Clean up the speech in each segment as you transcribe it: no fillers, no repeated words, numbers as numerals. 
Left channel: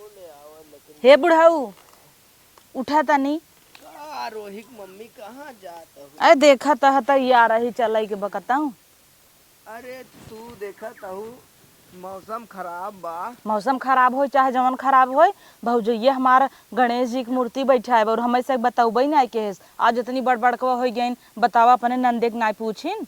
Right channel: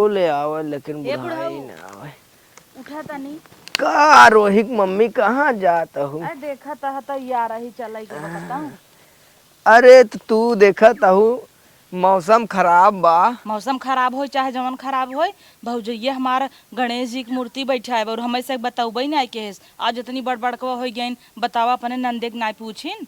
हमको ले आवे लेकिन हे बुढ़ाई बुढ़ाऊ ना आवे। उठा था नहीं। का रोहित मम्मी कहाँ जाता हूँ? अरे देखा था यार ही चलाई के बकता हूँ। अरे तो तू देखा ताहू मौसम खराब बा। मौसम खराब हो चाहे जवन खराब हो, भौजैया हमारा गणेश जी की मूर्ति बैठाए और हमें से बताऊबे ना के आज इतनी बड़ बड़ हो गई बतावा अपने नंदे के ना पूछिन।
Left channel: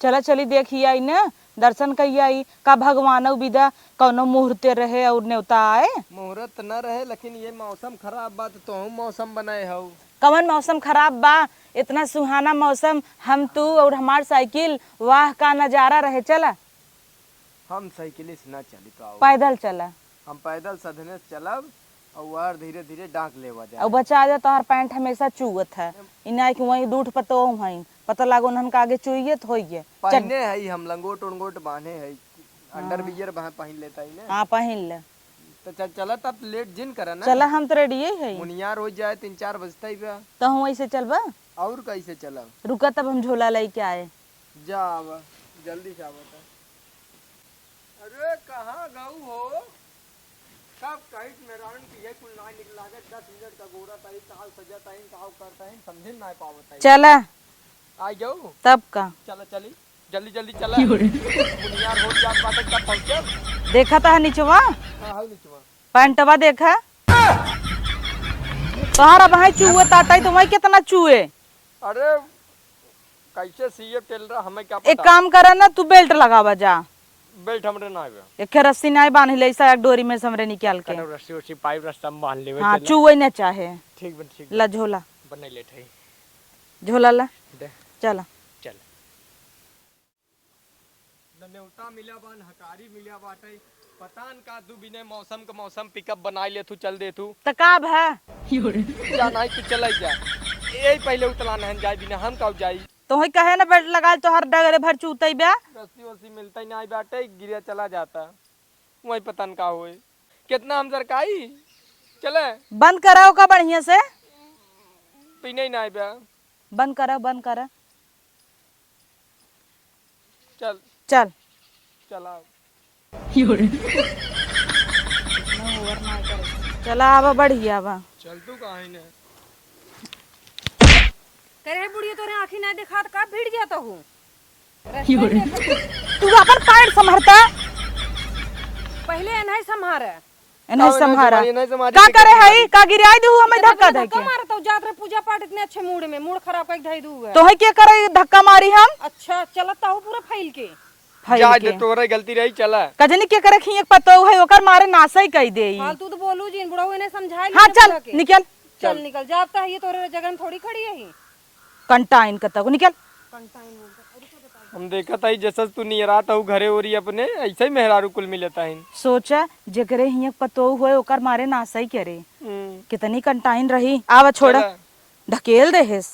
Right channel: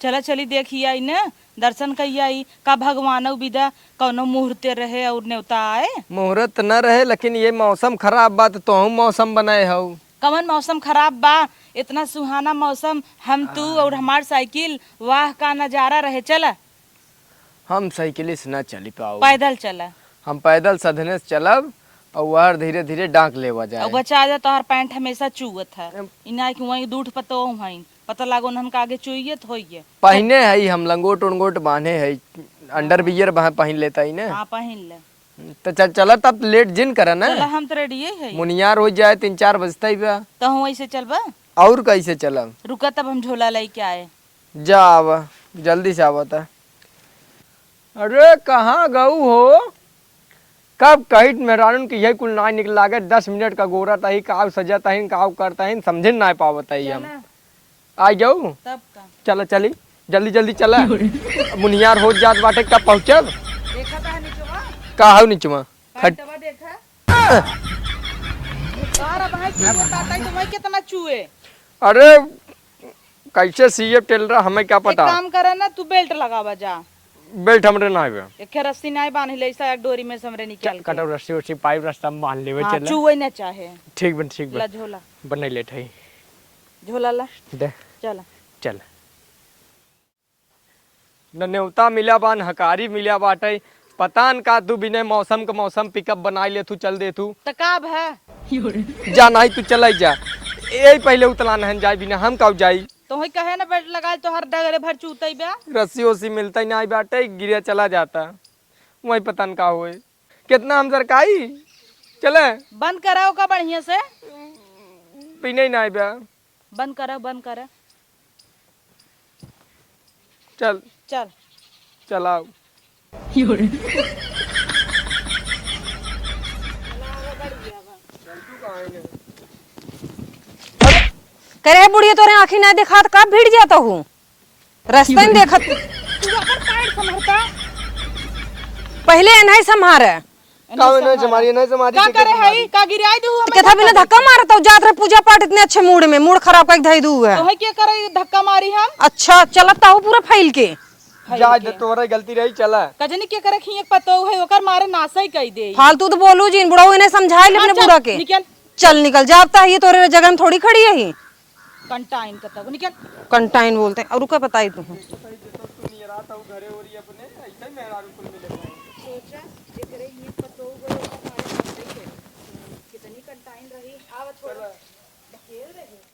चला चली देखिए आई ना दर्शन कही आई का भगवान विदा कौनो मुहूर्ते रहे और न्योता आए। मुहूर्त न रहे लेकिन ये मौसम खराब बा तो तू मौसम बनाए हो। कवन मौसम खराब बा, इतना सुहाना मौसम, हम तू और हमार साइकिल, वाह का नजारा रहे। चल हम साइकिल से न चली पाओ, पैदल चल। हम पैदल सधने से चलब और वह धीरे धीरे डांक लेवा और जाए। बचा जा तोहर पैंट हमेशा चुअत था इना कि वही दूध पतो हई पता लागो नन का आगे चुइए तो होइए। पहने है हम लंगोट उंगोट बांधे है, अंडर बियर पहन लेता ही ना। हाँ पहन ले। तो चल चला तब लेट जिन करा ना। चला हम तो रेडी है। मुनियार हो जाए 3-4 बजता ही बा। तो हम वैसे चलबा। और कैसे चलब? रुका तब हम झोला लेके आए। जा आवा जल्दी से आवता। अरे कहाँ गऊ हो? कब कही मेहरान की यही कुल ना निकला गए 10 मिनट का गोरा तही काव सजाता ही काव करता ही समझे ना पावता ही। चला आ जाऊ तब का। चला चली जल्दी जल्दी चला। मुनियार हो जात बाटे कब पहुंचब? देखा था नीचवा का हो नीचवा पैंटवा देखा तोहरा भाई चूहे ताता तो वही कितना चूहे। अरे कैसे सीएफ टेल रहा हमें क्या एक पता। काम करा ना तू बेल्ट लगावा जा। बेल्ट हमरे ना है। एक रस्सी नहीं बांध ले ऐसा एक डोरी में समरे निकाल के। कटो रस्सी उसी पाइप रास्ता में बांध लेवे। हाँ, चल चूहे ना चाहे। ठीक बन ठीक ला बन झोला बने लेट है। झोला ला दे चला। चल न न्योता मिला बा न हकारी मिला बाटे। पता न का तू बिना मौसम का मौसम पिकअप बना ले तू चल दे तू। तकाब है जा नहीं तू चल जा। यही पहले उतला नहन जाए बिना हम कब जाई। तो ही कहे ना बेल्ट लगा तो हर डगरे भर चूतई बे। रस्सी वस्सी मिलता ही नहीं बाटे गिरे चला जाता। वही पता न का हुए कितना हम सरकाई चले। बंद कराओ का बढ़िया से। पीने ही नहीं बे। बंद करा चल चल चलाओ। चला आवा बढ़िया बा। चल तू कहाँ है? करे बुढ़िया तोरे आँखी ना देखा कब भिड़ जाता हूँ रास्ते में देखा तू अपन पैर संभरता पहले नहीं संभारे का करे है का गिराई दू हमें कथा बिना धक्का मारता जात रे पूजा पाठ इतने अच्छे मूड में मूड खराब कर धई दू है तो है क्या करे धक्का मारी हम। अच्छा चलता हूँ पूरा फैल के जा दे तोरे गलती रही चला। कजनी के करे खिए पतो है ओकर मारे नासा ही कह दे। फालतू तो बोलू जी बुढ़ाऊ इन्हें समझाए ले बुढ़ा के निकल चल निकल जाता है ये तोरे जगह में थोड़ी खड़ी है ही कंटाइन कता को निकल। कंटाइन बोलते हैं और रुका पता ही तू देखा था जैसा तू नियरा था घरे ओरी अपने ऐसे ही मेहरारू कुल मिलता है। सोचा जगरे हिया पतो हुए ओकर मारे नासा ही करे कितनी कंटाइन रही। आवा छोड़ा ढकेल दे हेस।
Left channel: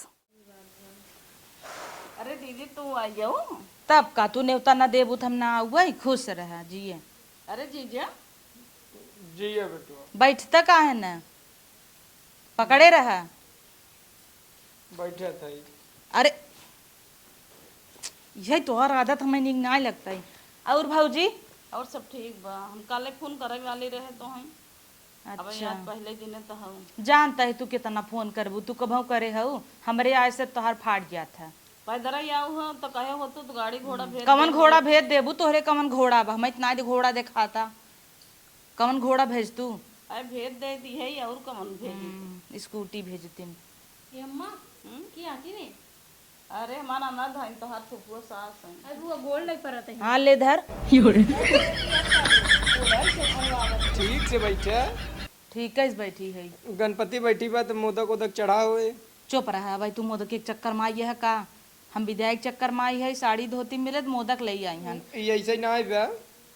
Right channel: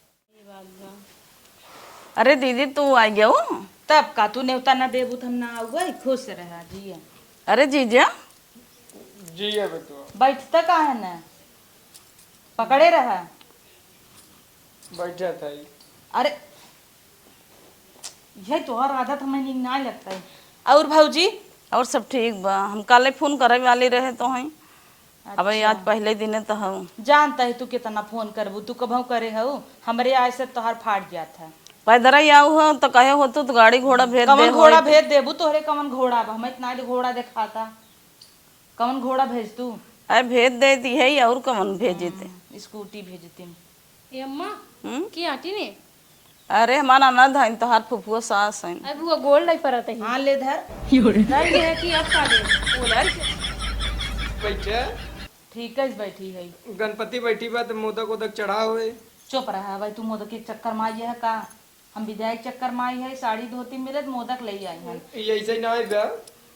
अरे दीदी तू आ गया हो तब का तू न्योता ना देबू हम ना आऊगा खुश रहा जी। अरे जीजा जी है बेटू बैठता का है ना पकड़े रहा बैठा था। अरे यह तोहर आदत हमें नीक ना लगता है। और भौजी और सब ठीक बा। हम काले फोन करे वाले रहे तो हैं अब आज पहले दिन तो हूँ जानता है तू कितना फोन करबू तू कभू करे हो हमरे आय से तोहर फाट गया था। पैदल ही आऊ हो तो कहे हो तो गाड़ी घोड़ा भेज दे। कौन घोड़ा भेज देबू तोहरे कौन घोड़ा बा हमें इतना घोड़ा दिखाता कौन घोड़ा भेज तू। अरे भेज देती है और कौन भेजते स्कूटी भेजती। ए अम्मा की आटी ने अरे हमारा ननद है तो हाथ फुफुआ सास है। अब वो गोल्ड लाई परत है। हाँ ले धर ठीक से बैठा। ठीक है बैठी है। गणपति बैठी बा तो मोदक ओदक चढ़ा हुए। चुप रहा भाई तू मोदक एक चक्कर में आई है का हम विधायक चक्कर में आई है साड़ी धोती मिलत मोदक ले आई हन। ये ऐसे ही ना है बा।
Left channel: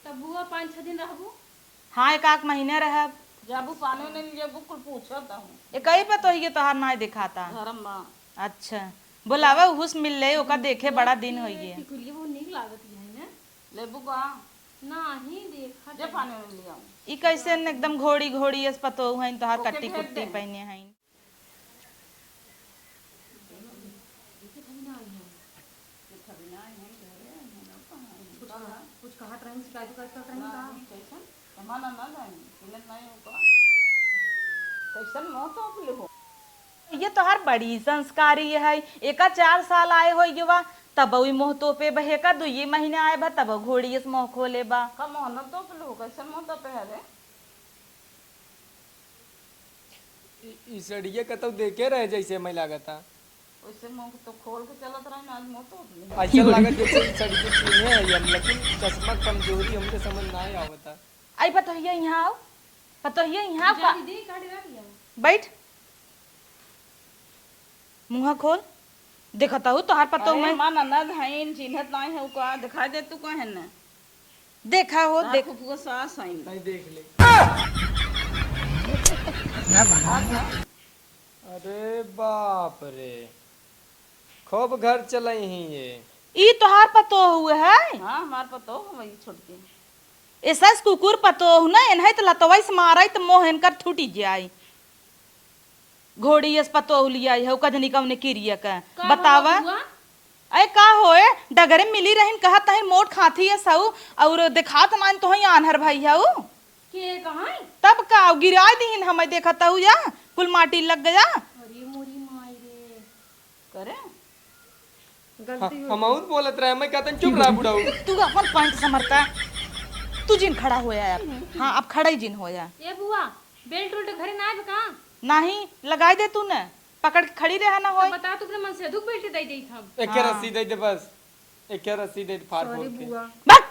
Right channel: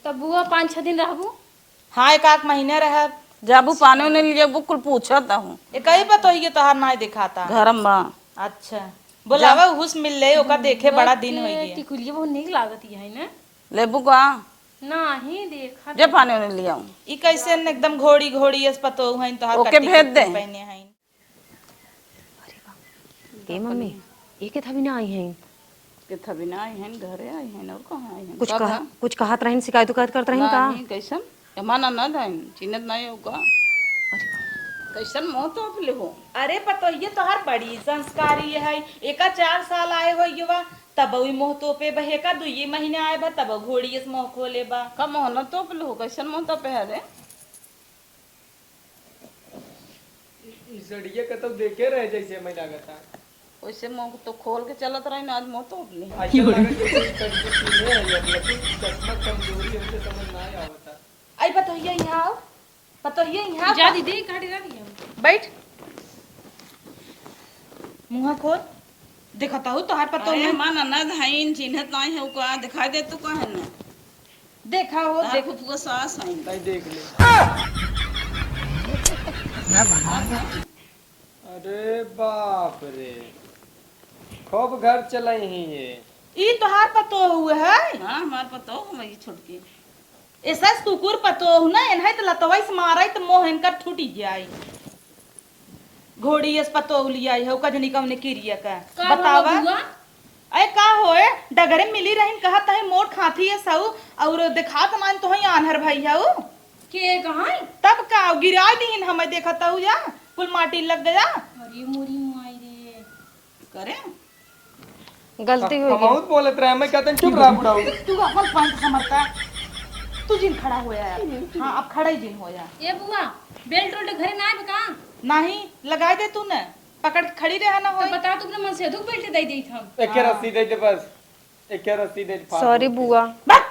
तब बुआ 5-6 दिन रहबू। हाँ एक आध महीने रह जाबू पानी ने लिए बुकुल पूछता हूँ एक ही पता है तोहर ना दिखाता। घर में अच्छा बोलावा हुस मिल ले ओकर देखे बड़ा दिन हो गया। टिकुलिया बहुत नीक लागत है ना लेबू का नहीं देखा जे पानी ने लिया ई कैसे एकदम घोड़ी घोड़ी एस पतो है तोहर ओके भेज दे। पहने हैं। ए मम्मी ये के था भी ना आई हैं के थबी ना आई हैं घरे आई हैं और कहां आई हैं कुछ कहत रहन शिकायत करत रहन का नहीं कैसन हमारा ननद है चिन्हत नहीं होगा कैसन मुंह तो अपले हो। अरे पतोहिए तोहार बड़ी संस्कारी है। एका 4 साल आए हो युवा तब वही मोह तो पे बहे का 2 महीने आए बा तब घोड़ी इस मोह खोले बा। का मुंह न तो अपले हो, कैसन मुंह तो पे है रे। इसड़िए के तो देखे रहे जैसे मैं लागता। वैसे मुंह तो खोल के चलत रही ना, आज मुंह तो अपले। ऐसा लागत जैसे इसड़िए चीज है, लेकिन चश्मा कमजोरी हमको समझ नहीं आवता। आई पतोहिए यहाँ आओ, पतोहिए यहाँ जा दीदी काटी रखी हम। बैठ, मुंह खोल। देखता हूँ तोहार पतो में मन ननद हईन चिन्हत नहीं है का दिखाई दे तू कहे ना। देखा हो देख देखो पूरा सास हईन। नहीं देख ली। अरे बाप रे, खूब घर चलाई ही ये। ई तोहार पतो हुए है। हां हमार पतो वही छोटकी। ऐसा कुकुर पतो हु ना एनहे त लतवाई से माराई त मोह इनकर छूटी जाई। घोड़ी इस पतो लिया है कजनी कवने किरिया का बतावा। बुआ अरे का होए डगरे मिली रहन कहा तहे मोट खाती है सऊ और दिखात मान तो ही आनहर भाई है के कहाँ है? तब का गिरा दीन हमें देखता हूँ या कुल माटी लग गया। अरे मोरी माई रे। करे गलती हुई हम बहुत बोलत रहे, मैं कहते चुप रहा बुढ़ाऊ। तू अपन पंच समरता तू जिन खड़ा होया यार। हाँ अब खड़ा ही जिन होया। ए बुआ बेल्ट उल्ट घरे ना आए का? नहीं लगाई दे तूने पकड़ के खड़ी रहा ना तो हो। बता तू अपने मन से दुख बेल्ट दे दी हम। एक रस्सी दे दे बस, एक रस्सी दे दे। सॉरी बुआ। भाग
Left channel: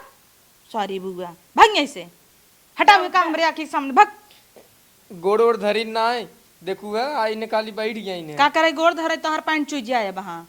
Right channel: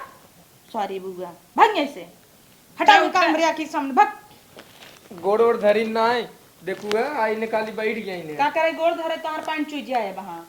सॉरी बुआ भाग ऐसे हटा उनका हमरे आके सामने भाग। गोड़ ओड़ धरी ना है, देखू है आई निकाली बैठ गई ने। का करे गोड़ धरे तोहर पैंट चुई जाए वहां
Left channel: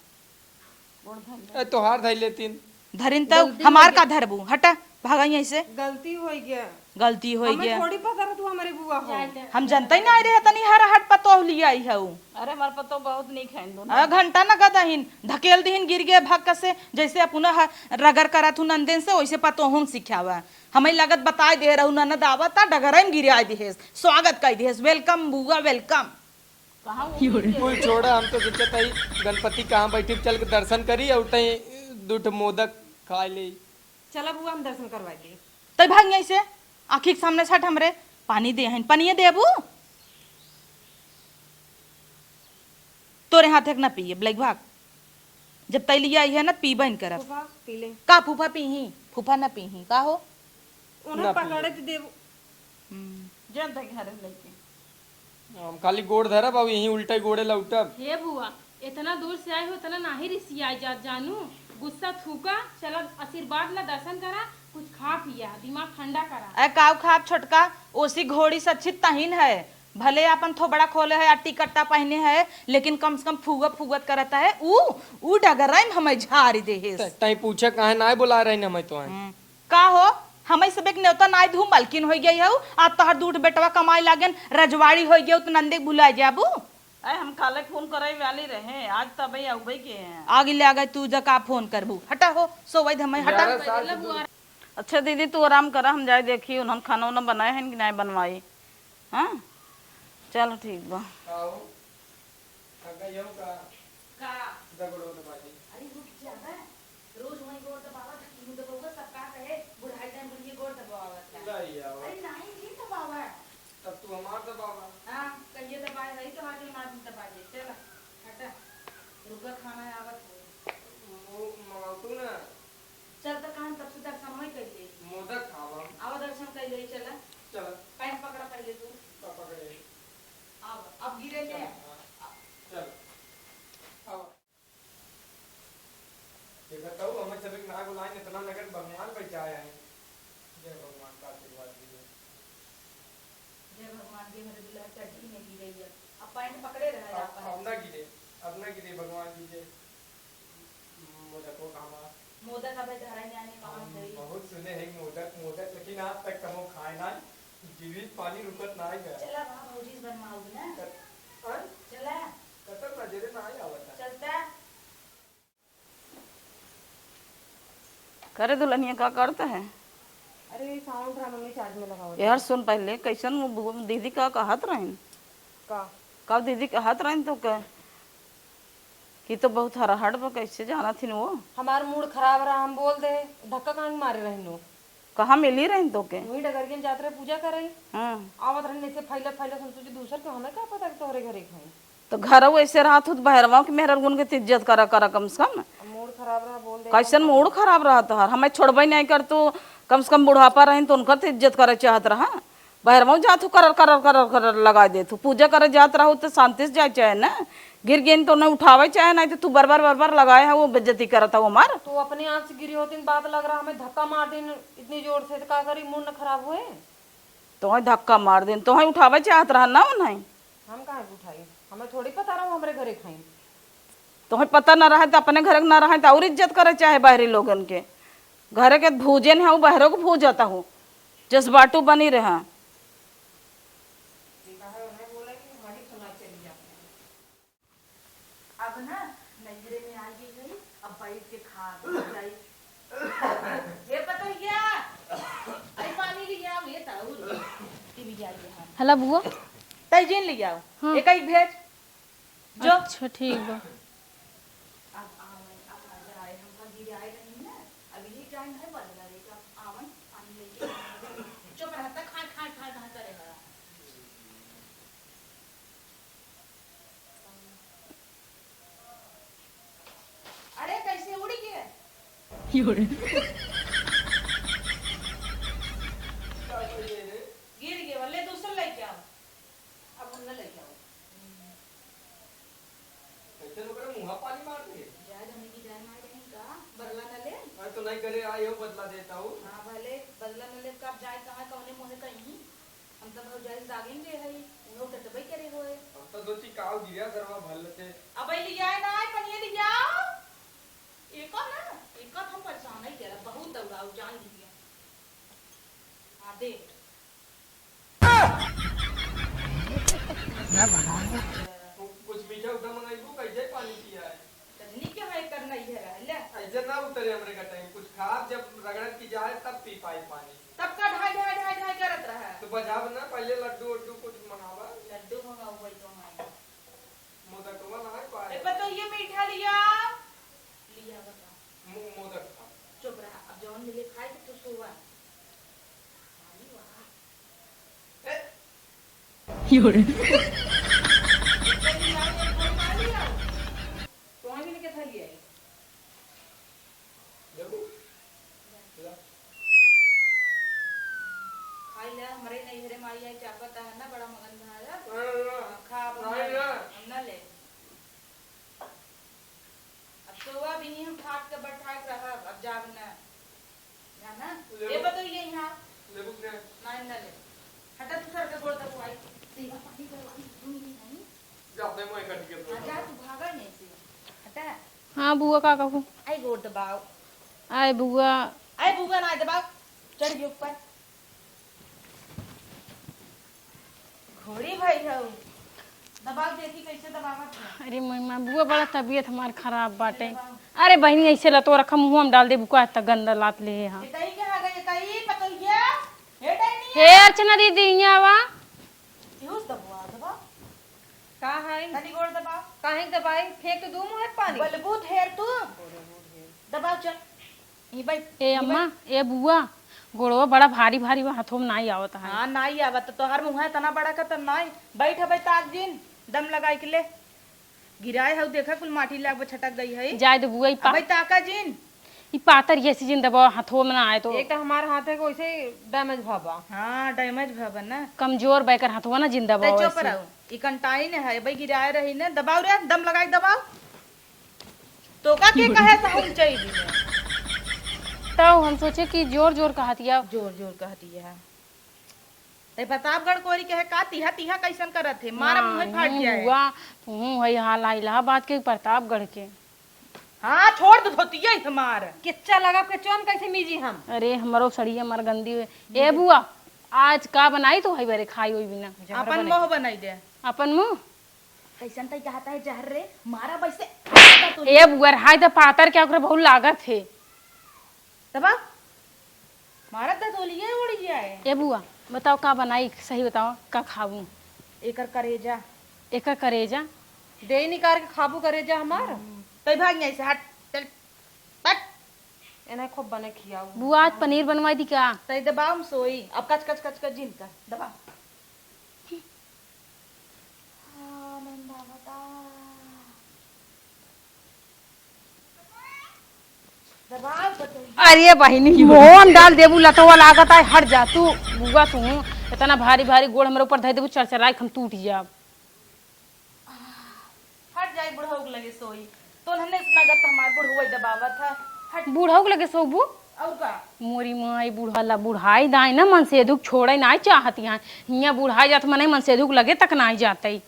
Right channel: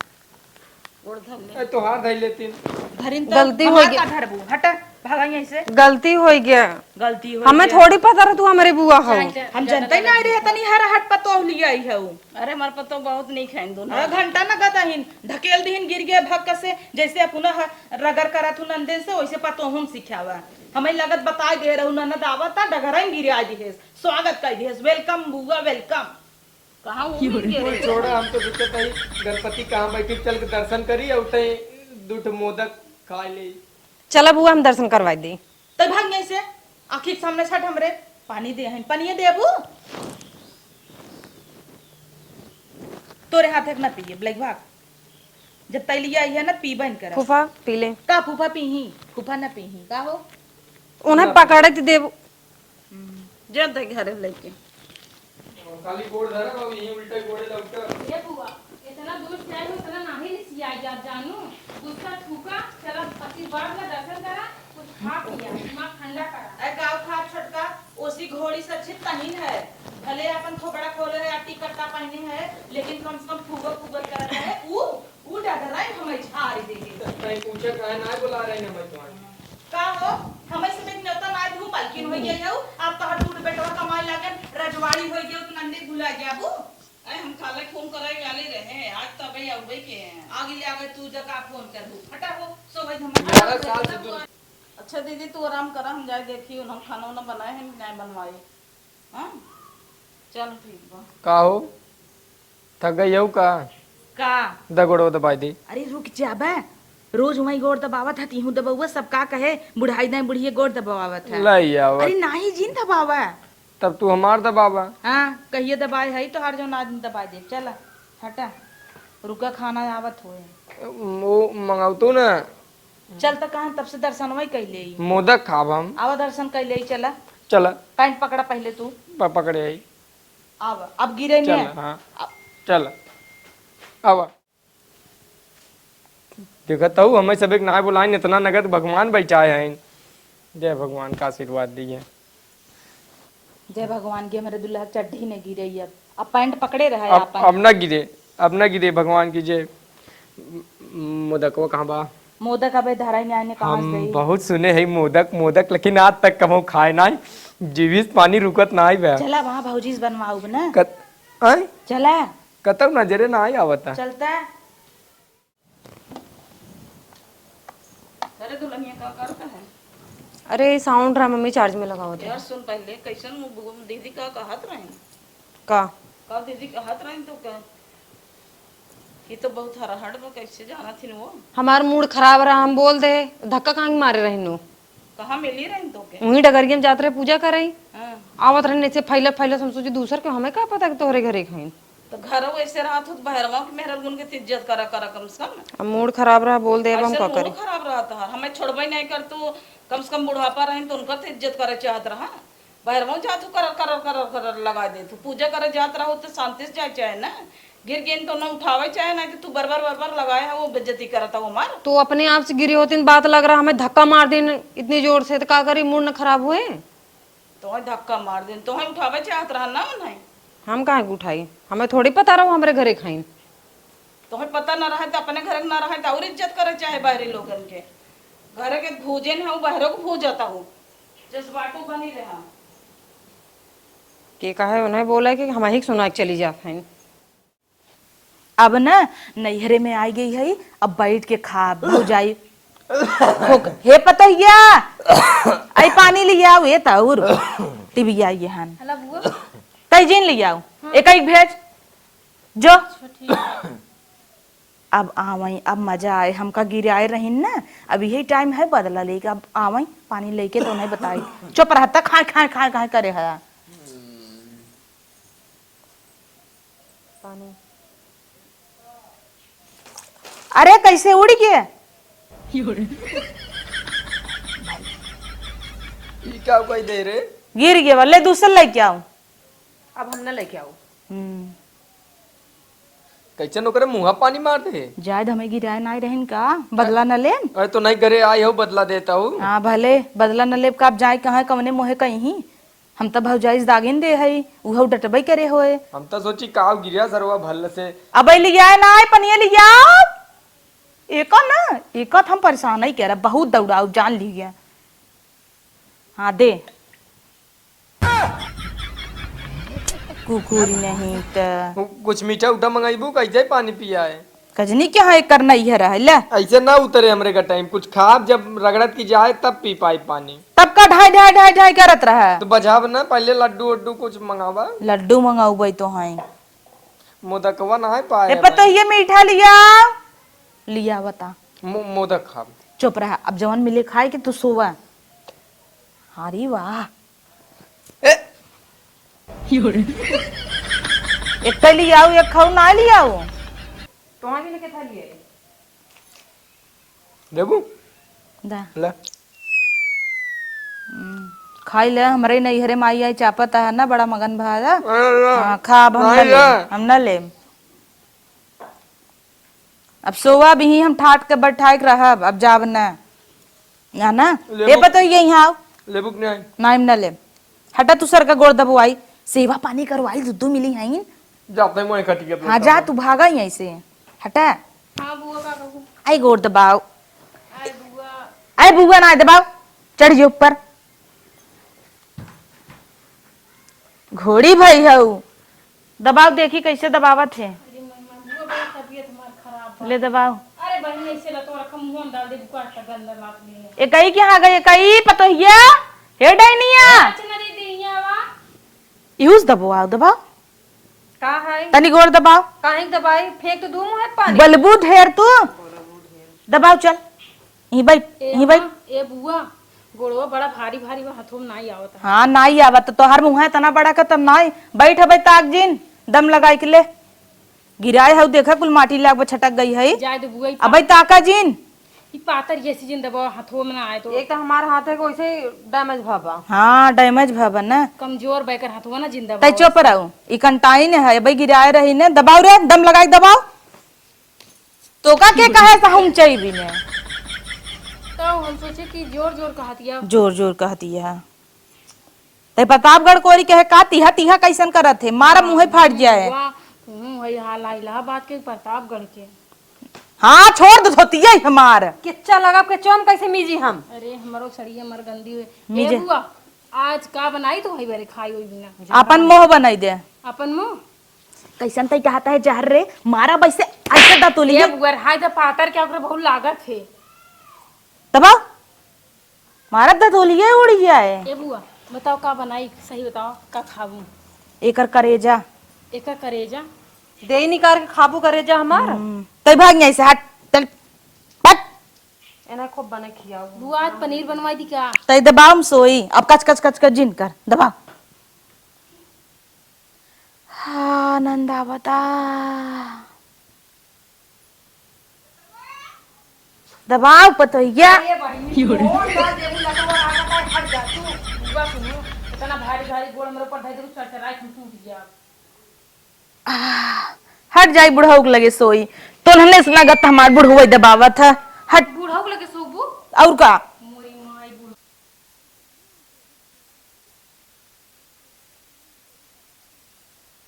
गोड़ धर ले। ए तोहार धई लेती। धरिन गलती तब हो हमार गई। का धरबू हटा भागा यहीं से। गलती हो गया। गलती हो हमें गया। थोड़ी पता रहा तू हमारे बुआ हो। हम जनते नहीं रहे तनी हर हट पतो लिया ही है अरे हमार पतो बहुत नहीं खाइन दोनों। घंटा न का दहिन धकेल दहिन गिर गया भक्क से जैसे पुनः रगर करत हूं नंदन से वैसे पतो हम सिखावा। हमें लगत बताई दे रहू ननद आवता डगरम गिरा दिहेस स्वागत कर दिहेस वेलकम बुआ वेलकम। कहां वो कोई छोड़ो, हम तो दिक्कत आई गणपति कहां बैठे चल के दर्शन करी और तई दूठ मोदक खा ले। चला बुआ हम दर्शन करवाई दी। तो भाग यहीं से आखिर के सामने सट हमरे पानी दे हन पनिए देबू तोरे हाथ एक ना पिए ब्लैक भाग जब तै लिया है ना पीबन कर फूफा पी ले। का फूफा पीही फूफा ना पीही का हो। उन्हें पकड़े थी देव। जब तक घरे लेके खाली गोड़ धरा बाबू यही उल्टा गोड़े लौटा। ए बुआ इतना दूर से आई हो तना नाही रिसी आई जा जानू गुस्सा थूका चला आशीर्वाद ला दर्शन करा कुछ खा पिया दिमाग ठंडा करा। ए काव खाप छोटका ओसी घोड़ी से अच्छी तहीन है भले अपन थोबड़ा खोले है अट्टी कट्टा पहने है लेकिन कम से कम फूगत फूगत करता है ऊ डगराइन हमें झाड़ी दे तई पूछा काहे ना बुला रहे ने मैं तो। का हो हमें सब एक न्योता नाय धूम मालकिन हो गई हो आप तोहर दूध बेटवा कमाई लागन रजवाड़ी हो गई तो नंदे बुला जाबू। अरे हम काले फोन करे वाली रहे आज तब ही आउबे के हैं। आगे ले आ गए तू जका फोन करबू हटा हो सोवै हमें हटा। अच्छा दीदी तू आराम करा हम जाए देखी उन्होंने खाना वाना बनाए हैं कि नहीं बनवाई। हाँ चलो ठीक बा। का हो थक गई हो का का दगड़ो दबाई दी। अरे रुक जाबे रोज वही गोड़ दबावत है तीहू दबावा सब का कहे बुढ़ाई नहीं बुढ़िए गोड़ दबावत है। लई आवा अरे नहीं जिन दबावा तब तू हमार दबावा। हाँ कहिए दबाए है तो हर जो आदमी दबा दे चला हटा रुका खाना आवत होए वो मंगाऊ तू ना चल तो कहाँ तब से दर्शन वही कैले मोदक खाब हम। आवा दर्शन कैले चला चला पैंट पकड़ा पहले तू पकड़े आई। आवा अब गिरे चल नहीं हाँ चल आवा। देखता हूँ हमें सब एक ना बुलाइन इतना नगद भगवान बैठाए हैं। जय भगवान का आशीर्वाद दिए। जय भगवान के मेरे दुल्हा चड्ढी नहीं गिरे अब पैंट पकड़े रहा अब ना गिरे, अब ना गिरे भगवान की जय। मोदक वो कहाँ बा? मोदक अबे धराई में आने कहाँ से हम बहुत सुने हैं मोदक मोदक लेकिन आज तक कभी खाए ना। जीवित पानी रुकत ना आई बे। चला वहाँ भौजीस बनवाऊ ना आय चला कतब नजरे ना आई आवता। चलता है करे दुल्हनिया का करता है। अरे साउंड रहा मम्मी चार्ज में लगा हुआ था। यार सुन पहले कैसन वो दीदी का कहत रही का दीदी कहत रही तो का ये तो बहुत हराहट पर कैसे जाना थी वो। हमार मूड खराब रहा हम बोल दे धक्का कहाँ मारे रही नु। कहाँ मिली रही तो के? वही डगरिया में जात रहे पूजा करे, हाँ। आवत रहे ऐसे फैलत फैलत, हम सोचे दूसर के, हमें क्या पता कि तोहरे घरे खाइन। तो घर वैसे रहा तो बहरवा के मेहर गुन के इज्जत करा करा कम से कम। अब मूड खराब रहा बोल दे, अब हम ऐसे का मूड करें? खराब रहा था, हमें छोड़बे नहीं कर तो कम से कम बुढ़ापा रहे तो उनका तो इज्जत करे चाहत रहा। बहरवा जात करर करर करर करर लगा दे तू, पूजा करे जात रहो तो शांति से जाए चाहे ना, गिर गिन तो न उठावे चाहे, नहीं तो तू बरबर बरबर लगाए है वो बेइज्जती करता वो मार। तो अपने आप से गिरी होती बात लग रहा, हमें धक्का मार देन इतनी जोर से, तो का करी, मूड न खराब हुए। तो धक्का मार दे तो उठावे चाहत रहा ना उन्हें। हम कहाँ उठाई, हमें थोड़ी पता रहो हमारे घरे खाइन। तो पता न रहे तो अपने घर न रहे तो और इज्जत करे चाहे बाहरी लोगन के। घरे के भूजन है वो बहरों को भूज जाता हो, जज्बाटू बनी रहा। के कहे उन्हें बोला कि हम ही सुना के चली जा खाइन। अब ना नैहरे में आई गई है, अब बैठ के खा भौजाई। हे पतैया आई पानी लिया आओ, ये तौर टीवी आई हन हला बुआ। तैजीन लिया आओ, एक एक भेज जो। अच्छा ठीक है। अब आवई, अब मजा आए, हमका गिराए रही ना, अब यही टाइम है बदला लेके, अब आवई पानी लेके तो नहीं बताई। चुप रहता, खाए खाए खाए खाए करे है। अरे कैसे उड़ गया? क्या कोई दे रे? गिर गया, ले दूसरा लेके आओ। अब हम न लेके आओ। कैसे नौकरे मुँह पानी मार दे? जायद हमें गिराए नहीं रहन का, बदला न ले। अरे तो नहीं करे आई हो, बदला देता हूँ। हाँ भले बदला न ले, कब जाए कहाँ कवने मोहे कहीं, हम तो भौजाइस दागिन दे है, उहो डटबई करे होए। हम तो सोची काव गिरिया सरवा भल से। अब लिया ना पनिया लिया एक ना, एक हम परेशान ही कह रहा, बहुत दौड़ाओ जान लिया। हाँ दे कुकुर नहीं तो कुछ मीठा उठा मंगाईबू, कैसे पानी पिया है? कजनी क्या है करना ही है रहा ले। ऐसे ना उतरे हमरे का टाइम, कुछ खाब जब रगड़त की जाए तब पी पाई पानी। तब का ढाई ढाई ढाई ढाई करत रहा। तो बजाब ना, पहले लड्डू वड्डू कुछ मंगावा। लड्डू मंगाऊ भाई तो है, मोदकवा ना है पाए। पता ये मीठा लिया लिया बता। मोदक खाब। चुप रहा, अब जवन मिले खाए कि तू सोवा। अरे वाह, एक तो लिया आओ, एक खाऊ ना लिया आओ। तुम्हारे लिए क्या लिए? देखू दा ले। खाई ले, हमारे नैहरे माई आई चापत है ना, बड़ा मगन भाजा। अरे हाँ खा, अब हम नहीं न ले, ले। हम न ले। अब सोवा भी ही हम ठाट के बैठाई के रहब, अब जाब न या ना। ये बतो ये यहाँ आओ, लेबू के नहीं? नाइम न ले। हटा तू सर का गोड़ दबवाई, सेवा पानी करवाई, दूध मिली है। जाते हैं मोए खटी के। हाँ जा, तू भागा ही ऐसे, हटा। हाँ बुआ का कहूँ। आई गोड़ दबाओ, आए बुआ। आई बुआ ना दबाओ, चढ़ जाओ ऊपर। घोड़ी भाई हऊ, दबाओ देखी कैसे दबावत है। अरे मम्मा बुआ बड़ा तबीयत हमार खराब बा। ले दबाओ। अरे बहनी ऐसे लतो रखा मुंह में डाल दे बुआ, तक गंदा लात ले। एकई के हाँ गई, एकई पतोहिया हे डाइनिया। अर्चना दीदी यहाँ वा। यूज दबाओ, दबाओ का है? तनी गोड़ दबाओ। काहे दबाई? फेंक तो दूं है पानी। बलबू ढेर तू दबाओ, चल यहीं बैठ, यहीं बैठ। ए बुआ गोड़वा बड़ा भारी भारी बा, हाथों में नहीं आवता। हाँ नाई आवत तो हर मुँह है तना बड़ा का, तब नाई बैठ है ताक जिन दम लगाई के ले। गिराए हऊ देखा कुल माटी लाग छटक गई है। जाए तो बुआ अब ताका जिन, ई पातर ये सीजन दबाओ हाथों में ना आए तो। एक तो हमारा हाथ है वैसे डैमेज भाबा। हाँ डैमेज भवन ना। कमजोर बैकर हाथों ना जिंदा तै चुप रहो, ई कंटाइन है भाई, गिराए रही ने। दबाओ रे, दम लगाई दबाओ। तो का के कहे से हम चाहिए ने, तो हम सोचे कि जोर जोर कहतिया। जोर जोर कहती है। तै प्रतापगढ़ कोरी कहे का तीहा तीहा कैसन करत है, मारा मुंह फाट जाए। वाह तू है हाल इलाहाबाद के प्रतापगढ़ के। हाँ छोड़ दो धोतिया हमार। किच्चा लगा के चोम कैसे मीजी हम? अरे हमारो सड़िया मर गंदी है। ए बुआ आज का बनाई तू है बेरे खाई हुई बिना। अपन मोह बनाई दे। अपन मुंह कैसन तै कहता है जहर रे, मारा वैसे ऐसे दा तुली ये बुआ हाय तो पातर क्या करे बहुत लागत है। दबाओ, मारा दा तुलिए उड़ गया है। ए बुआ बताओ का बनाई, सही बताओ का खाऊं। एकर करेजा एक करेजा दे निकाल के खाबू करे जा हमार। तै भाग नहीं से, हट चल हट। एना खूब बने खियाओ। बुआ आज पनीर बनवाई दी का? तई दबाव सोई अब कच कच कच कच जिन कर दबाव। हाँ नंदा बता दबाव पतोहिया। अरे बहिनी मोहन डाल देबू लटवा लागत है, हट जा तू। बुआ सुन, इतना भारी भारी गोड़ हमरे ऊपर धर देबू चरचराए हम टूट जाब। हट जाई बुढ़ऊ के लगे सोई तो हमने सुना गत हमार बुढ़ऊ दबावत है। हट बूढ़ा के लगे सोबू। और का मोरी माई बूढ़ा बुढ़ाई दाई ना मन से दुख छोड़े ना चाहती हैं। हिया बुढ़ाई जात मन मन से दुख लगे तक ना जाते।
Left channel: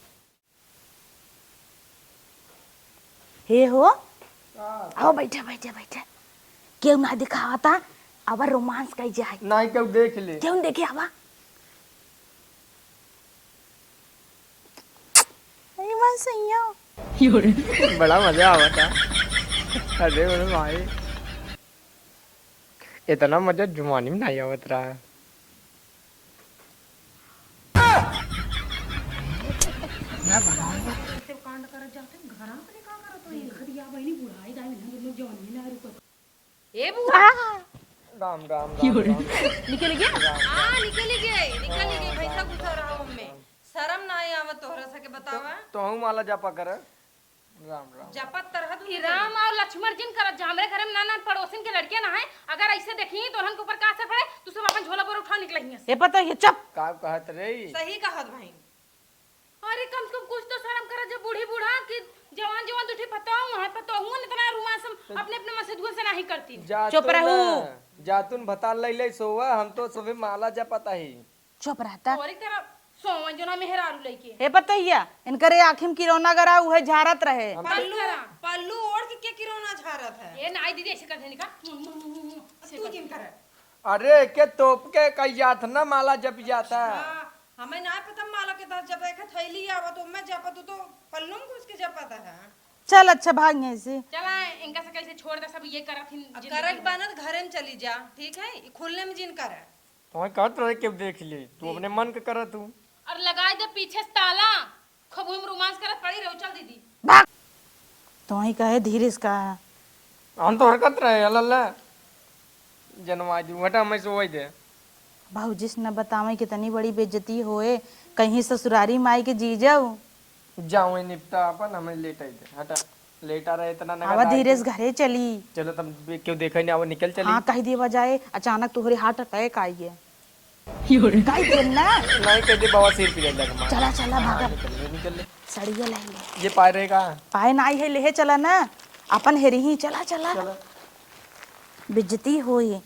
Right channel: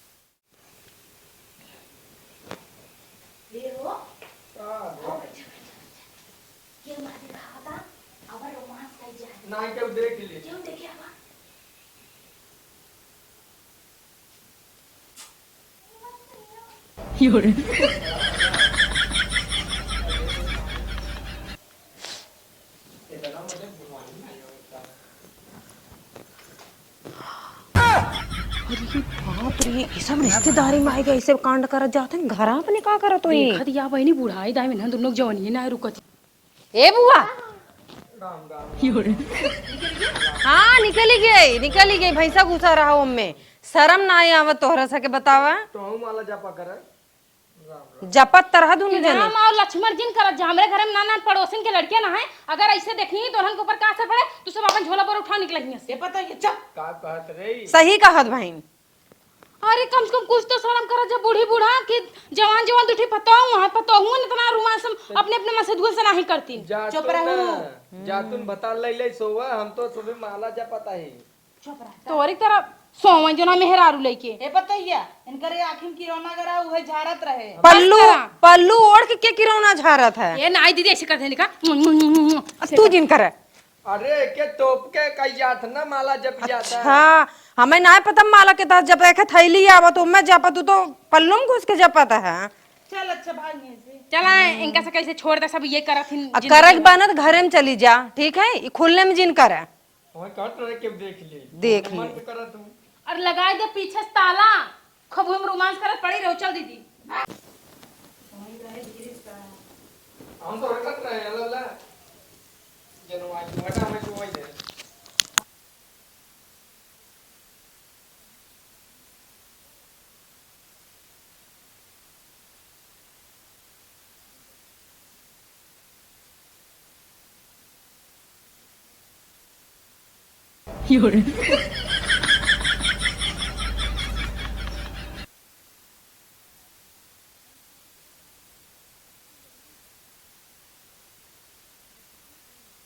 हे हो आओ बैठा बैठा बैठा क्यों ना दिखावता अब रोमांस कई जाए नहीं क्यों देख ले। क्यों देखे आवा बड़ा मजा आवता। अरे भाई इतना मजा जुमानी में नहीं आवत रहा। सब रिश्तेदारी में आएगा ऐसे कांड करत जाते हैं घर अपने का करत होई। देखत या बहनी बुढ़ाई दाई में दोनों जवानी ना रुकत। ए बुआ राम राम हाँ निकली गई भैंसा घुसा रहा उनमें। शर्म ना आई आवत तोहरा सके बतावा। तो हम माला जापा करे। राम जपत तरह दुनी जने राम और लक्ष्मण जिन करत जा हमरे घर में नाना पड़ोसन के लड़के ना है। अगर ऐसे देखनी तो के ऊपर का असर पड़े तो सब अपन झोला पर उठा निकलेंगे। ये पता है चुप का कहत रे। सही कहत बहन। अरे कम से कम कुछ तो शर्म कर जब बूढ़ी बूढ़ा कि जवान जवान दुठी पताऊं वहां पताऊं इतना रोमांस अपने अपने मसदुआ से नहीं करती। चुप रहो। जातुन बता ले सोवा हम तो सुबह माला जापता ही। चुप रहता तोरी तरह सोवन जो ना मेहरारू लेके हे बतैया इनकरे आँखिम किरौना गरा उहे झारत रहे। पल्लू ओढ़ के किरौना झारत है। ये नाई दीदी ऐसे करते निका तू जिन करे। अरे के तोप के कई जात ना माला जप जाता। हाँ हमें ना पता माला के तहत जब देखे थैली आवा तो मैं जपा तू तो पल्लू में घुस के जपता है। चल अच्छा भाग से चला इनका से कैसे छोड़ दे सब ये करत हिन करक बनत घरे में चली जा ठीक है ई खुलने में जिन करे। वही कहत रहे के देख ले। देख मन के कर तू। और लगाए दे पीछे से ताला खूब हम रोमांस करत पड़ी रहो। चल दीदी तो ही कहे धीरे का हम तो हरकत रहे अल्लाह जन्माजू घटा में सोई थे। भाऊजी से न बतावे कितनी बड़ी बेइज्जती होए कहीं ससुरारी माई के जी जाओ। जाऊं निपटा अपन हमें लेट आई हटा लेटा रहे इतना नगा। आवा धीरे से घरे चली। चलो तुम क्यों देखा नहीं आवा निकल चली। हाँ कह दिया जाए अचानक तुम्हारे हार्ट अटैक आई है। नहीं कहते बाबा सिर की लेता। चला चला भागा सड़िया लेंगे। ये पाए रहेगा पाए ना आई है ले चला ना अपन हेरी ही चला चला बेइज्जती होए।